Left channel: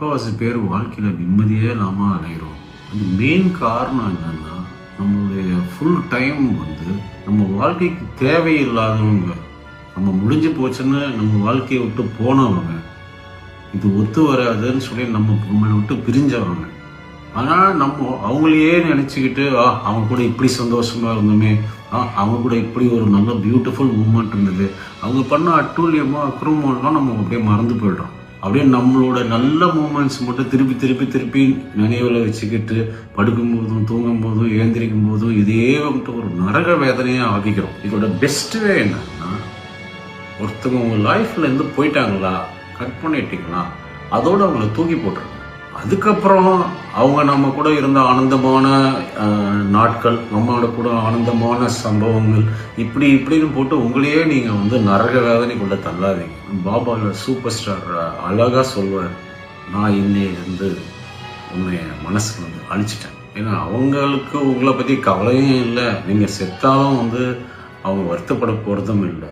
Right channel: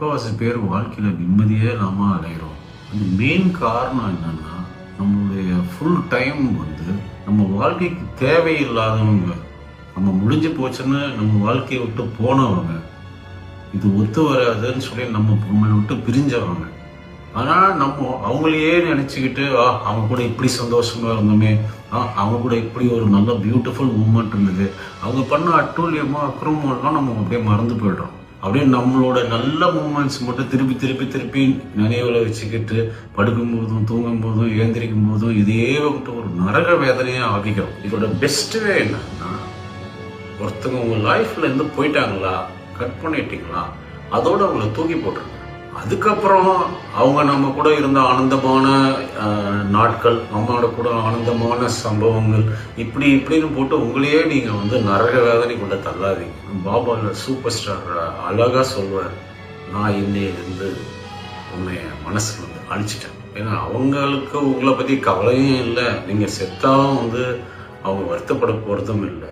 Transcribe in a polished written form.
முக்கால்வாசி பேர் வாழ்க்கையில் நிம்மதியே இல்லாமல் அலைகிறோம். அது மெயின் காரணம் என்னன்னா, நம்மளுடைய ஃபுல் டைம் நம்ம வாழ்க்கைக்கு தேவையில்லாதவங்க, நம்ம முடிஞ்சு போச்சுன்னு நம்ம வாழ்க்கையை விட்டு போனவங்க, இது ஒத்து வராதுன்னு சொல்லி நம்மளை விட்டு பிரிஞ்சவங்க. ஆனால் நம்ம அவங்களையே நினச்சிக்கிட்டு அவங்க கூட இப்படி சந்தோஷமாக இருந்தோமே, அவங்க கூட இப்படி ஒரு நல்ல பியூட்டிஃபுல் மூமெண்ட் இருந்தது, அவங்க பண்ண அட்டூழியமோ அக்கிரமம்லாம் நம்ம அப்படியே மறந்து போய்டுறோம். அப்படியே நம்மளோட நல்ல மூமெண்ட்ஸ் மட்டும் திருப்பி திருப்பி திருப்பி நினைவில் வச்சுக்கிட்டு படுக்கும் போதும் தூங்கும் போதும் ஏந்திரிக்கும் போதும் இதே வந்துட்டு ஒரு நரக வேதனையாக ஆகிக்கிறோம். இதோட பெஸ்ட் வே என்னன்னா, ஒருத்தவங்க உங்கள் லைஃப்ல இருந்து போயிட்டாங்களா, கட் பண்ணிட்டீங்களா, அதோட அவங்கள தூக்கி போட்டுருங்க. அதுக்கப்புறம் அவங்க நம்ம கூட இருந்த ஆனந்தமான நாட்கள், நம்மளோட கூட ஆனந்தமான சம்பவங்கள், இப்படின்னு போட்டு உங்களையே நீங்கள் நரக வேதனைக்குள்ள தள்ளாதீங்க. பாபா சூப்பர் ஸ்டார் அழகா சொல்வார், நான் இன்னையிலிருந்து உன்னை மனசுல அழிச்சிட்டேன். ஏன்னா அவங்களுக்கு உங்களை பற்றி கவலையும் இல்லை, நீங்கள் செத்தாலும் அவங்க வருத்தப்பட போகிறதும் இல்லை.